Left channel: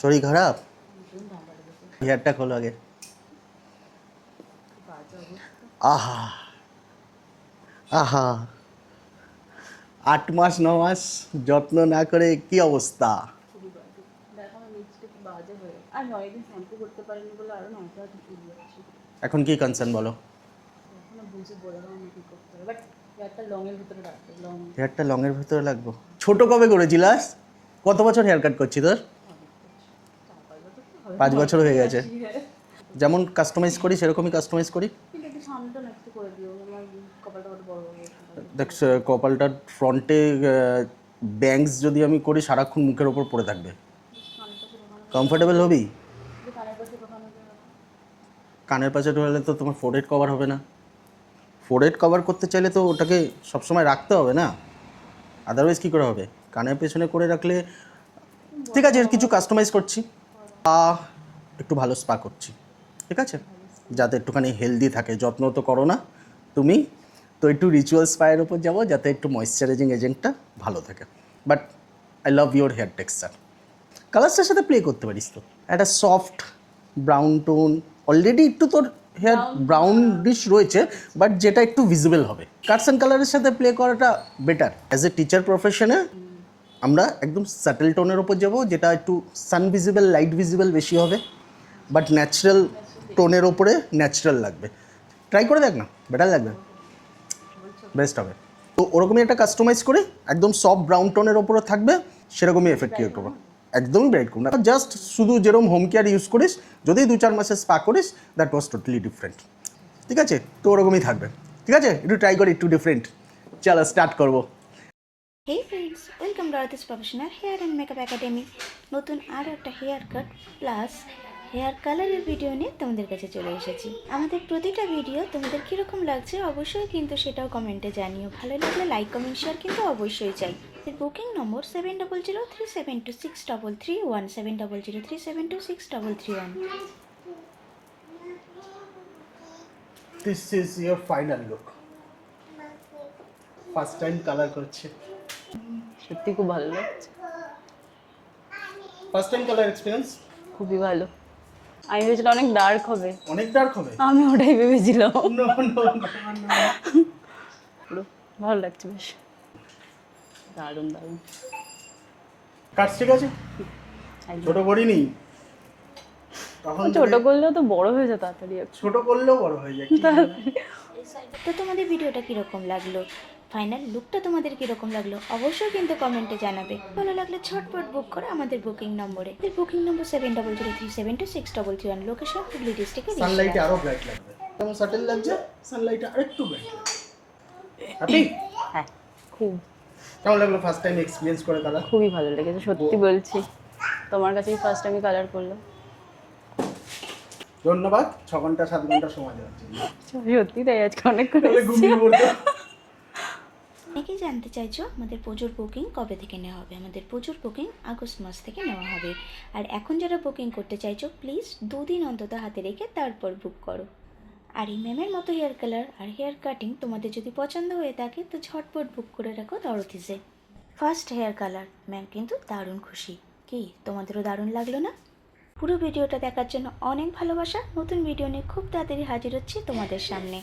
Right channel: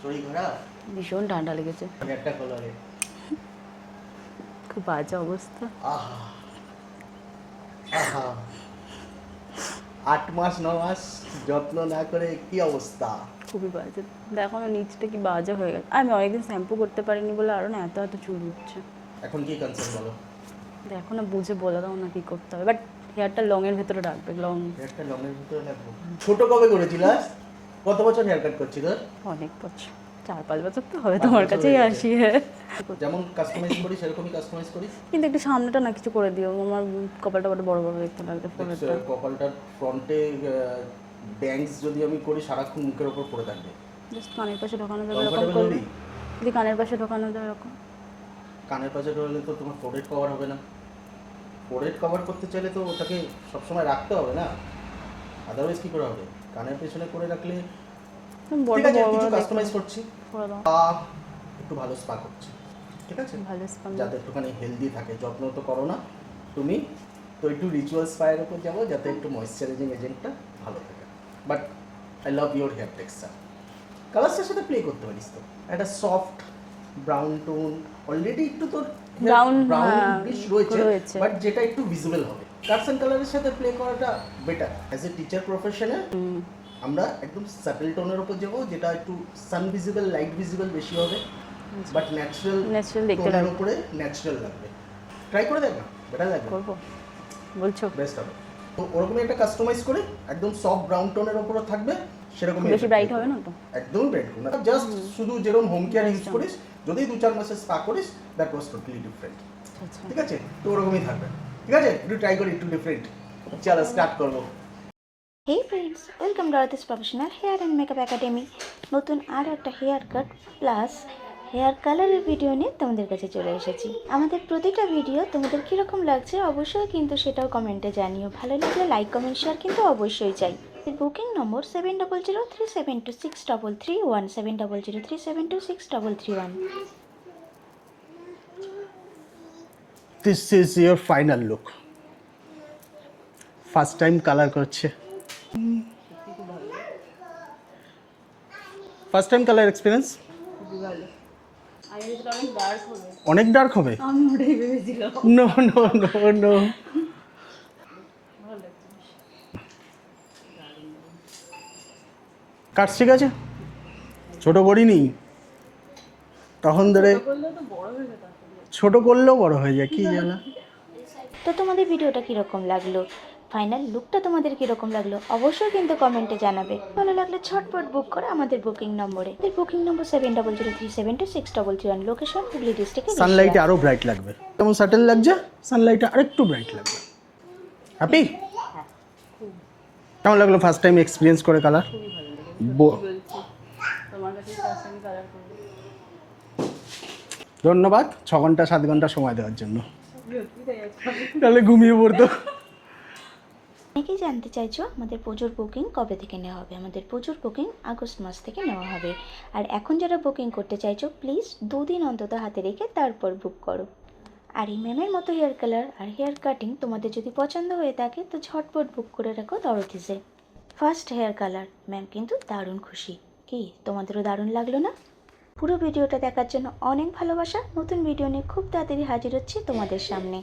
শরীর খারাপ? ভীষণ ঠান্ডা লেগেছে। হেয়ারটা খোলো আগে। খুব বাজে অবস্থা। আহা আহা 8 মাস 9 মাস যত্ন না করে কি অবস্থা। খুবই বাজে। দেখো না নিচটা কি বাজে হয়ে গেছে। আমি অনেকদিন শ্যাম্পু করতে পারিনি বলে আরও না এত এত চুল উঠছে। এখন কি কনসার্ন বলো? দেখো না বুঝে বলে দাও না কি করতে হবে, বাট হেয়ারটা লং এর ভেতরে রাখবে। লং হেয়ারটা লং এর ভিতরে লাগবো। ছোট কবে করেছিলাস? কত বছর হেয়ার কাট করছিস তোর? অনেক বছর, 4-5 বছর তো হবে। 5 তোমার বছর কাছেই হয়ে গেছে। আসি। হ্যাঁ, যেমন কাস্টমাইজ করি সেরকমই কাস্টমাইজ করি। কিন্তু একটু সামনেটা না কিছু করে দিও, আমার কপালটা বড় বড় দেখতে লাগবে। দেখ কপালটার ফ্রন্টে ব্যাংকস যদি আমি করি সারাক্ষণ মুখের ওপর পড়ে থাকবে। জাস্ট কানের পাশে ঢোকানো যাবে। কমফোর্টেবল হবি? যদি কানের পাশে ঢোকানো যায় এরকম। কানের পাশে ঢোকালে তো তোমার ফোরহেড কভার হবে না। ফোরহেড কভার করতে চাইলে তো ওটাকে সবসময় রাখতে হবে না, আদারওয়াইজ কী করে হবে? কানের পেছনে করে রাখলে ঠিক আছে। কিছু কাস্টমাইজ করছি, একটু ভালো স্পা করছি, ঠিক আছে, যাতে একটুখানি হেলদি থাকে। যত্ন তো করো না তুমি, তো একটু রিচুয়াল স্পায়ের উপর যাবো যাতে একটু ময়েশ্চারাইজিং এজেন্টটা ভালো থাকে। But I love your hair texture. কালারসটার সাথে প্লে করতে পারিস তো। একটা সফট ব্রাউন টোন, অলরেডি একটু তোর হেয়ার ব্রাউন ডিশ রয়েছে, বাট যেটা একটু ভিজিবল হবে। কাটস অ্যান্ড কালারের সাথে প্লে করাটা বেটার। অ্যাজ এ টিচার প্রফেশনে আমরা একদম সাটেল টোনের ওপর যাবো, যেটা একটু সান ভিজিবল লাইট ভিজিবল বেশি হবে, বাট ন্যাচারাল টোনের ওপরে ন্যাচারাল লাগবে। ট্রাই করে দেখ না, বেটার লাগবে, বলছো বেস্ট হবে। তো ওরকমই একটা কাস্টমাইজ করে একদম সফট ব্রাউন টোনের ওপরে থাকবে, সেরকমই এফেক্টিভ হবে। একদমই ব্রাইট করো না, জাস্ট শুধু যেরকম হোম কেয়ার ইউজ করিস, যদি 2-4 মাসের স্পা করিস, দ্যাট ওয়াজ টোটালি ডিফারেন্ট। ঠিক আছে, তো ওরকমই থাকবে। ঠিক আছে, একটু ট্রাই করি, একটু ডিফারেন্ট। চলো স্টার্ট করবো। Hey friends, welcome to Aarti's professional hair and makeup academy. নতুন আরও একটা হেয়ার কাট প্লাস হেয়ার কালারের ভিডিও নিয়ে তোমাদের কাছে চলে এসেছি। আমাদের প্রতিটা ভিডিও তোমাদের কীরকম লাগছে অবশ্যই কিন্তু সেটাও কমেন্টে জানিও। ভালো লাগলে লাইক কমেন্ট শেয়ার কিন্তু অবশ্যই চাই। Booking number 7003726331 7003726331। This is your final look. First time colour করছে, সত্যি খুব ভালো লাগছে। ফার্স্ট টাইম কালার এক্সপিরিয়েন্স খুবই ভালো। আমি ভেবেছিলাম অনেক ডার্ক হবে। অনেক ডার্ক হবে? আমি ওটাই ভেবেছিলাম। নো নো নো নো, ভালো লাগছে বেশ, দারুণ দারুণ। কাটস ঠিক আছে, ছোট করিনি তখন ধরে। ছোট করলেও তো বড় হয়ে যায় তাড়াতাড়ি। ছোট করলেও বড় হয়ে যায়, কি জানা। তো তোমাদের ভিডিওটা কীরকম লাগলো, ফাইনাল লুকটা তোমাদের কীরকম লাগলো অবশ্যই কিন্তু কমেন্টে জানাবে। ভালো লাগলে ঝটপট বুক করে আমাদের বুকিং নম্বরে। বুকিং নম্বর 7003726331, লোকেশন হুগলি ডিস্ট্রিক্টে। সানলাইটে আরো ব্রাইট লাগবে, কেমন সাটেল লাগছে, সানলাইটে আরেকটু ব্রাইট লাগবে। হ্যাপি? হ্যাঁ খুব। কেমন লাগলো ফার্স্ট টাইম এক্সপিরিয়েন্স করে কালার? খুবই ভালো লেগেছে সত্যি বলছি। তোমার কাছেই ফার্স্ট টাইম কালার করলো। ধন্যবাদ 6 ঘন্টা 7 ঘন্টা সময় দেওয়ার জন্য। সত্যি তাই, আজকে অনেক তাহলে ঘুমিয়ে পড়তো। অনেকেই জানতে চাইছো আমাদের পুজোর বুকিং কবে থেকে নেওয়া হবে। আমাদের পুজোর বুকিং আগস্ট মাস থেকে নেওয়া হবে। আর এখন যারা বুকিং করতে চাইছো প্লিজ 2 দিন অন্তত হাতে রেখে তারপর বুক করো। আর এই ম্যামের মতো হেয়ার কালার আর হেয়ার কাটিং তোমাদের যদি পছন্দ হয়ে থাকে তো ঝটপট বুক করে রাখো দরথিসে। ফার্স্ট হেয়ার কালার ম্যাম কিন্তু দারুণ খুশি। কি তোমাদেরও দারুণ লাগলো না? পুরো ভিডিওটা দেখার জন্য অনেক ভালোবাসা। নতুন ভিডিও নিয়ে খুব তাড়াতাড়ি হাজির হচ্ছি তোমাদের সামনে।